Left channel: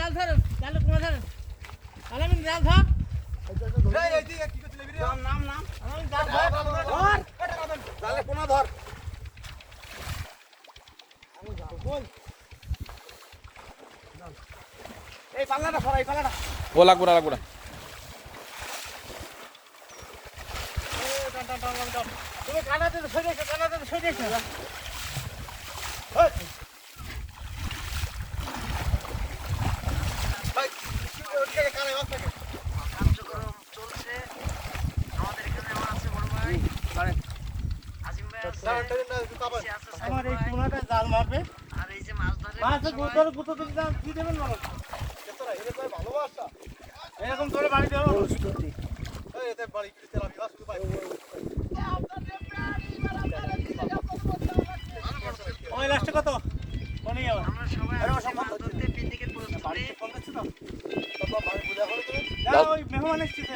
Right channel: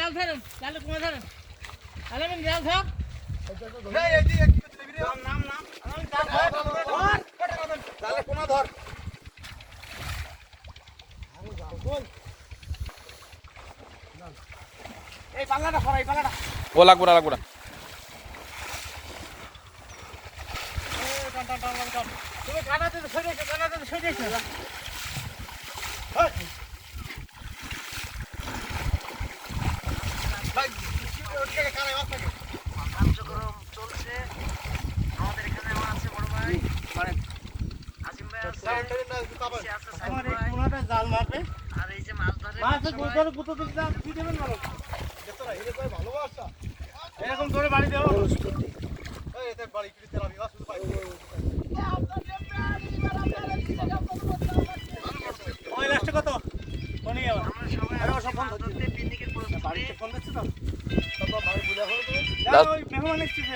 জাল ধরেন, জালে কুমা ধরেন। আলামিন জাল ধর। নাম আলামিন জাল ধর। জালে কোনা ধর। এই পাল্লাটা সরা, এই পাল্লাটা। ও লাগবো না। তুমি কানাতে সরে এসো। ভাই, কানে মাছ থাকে। কার্যক্রম চলছে আমাদের এখানে আমার আছে বড় ভাই আজিম ভাই আছে সে আছে আমার সাইদ এই ভাই কোনাটা জাল মারবে। আর এই যে মাছ ধরে মাছ গুতর গুতো দিতে কি দেবেন বলো? ভালো মাছটা। এরকম করে বাড়ি দেবো। এই এতে বাড়ি পিছতে আমি মাছ শুধু পাই। ওই লাস্টে কত? কোনি আবার। আমরা সবাই মাছ ধরতে পিকনিকের প্রস্তুতি বাড়িতে ফোন দিচ্ছ তো? তারপর ভাই বুঝা হলো তুমি। যাও ওই মেহমান এসেছে।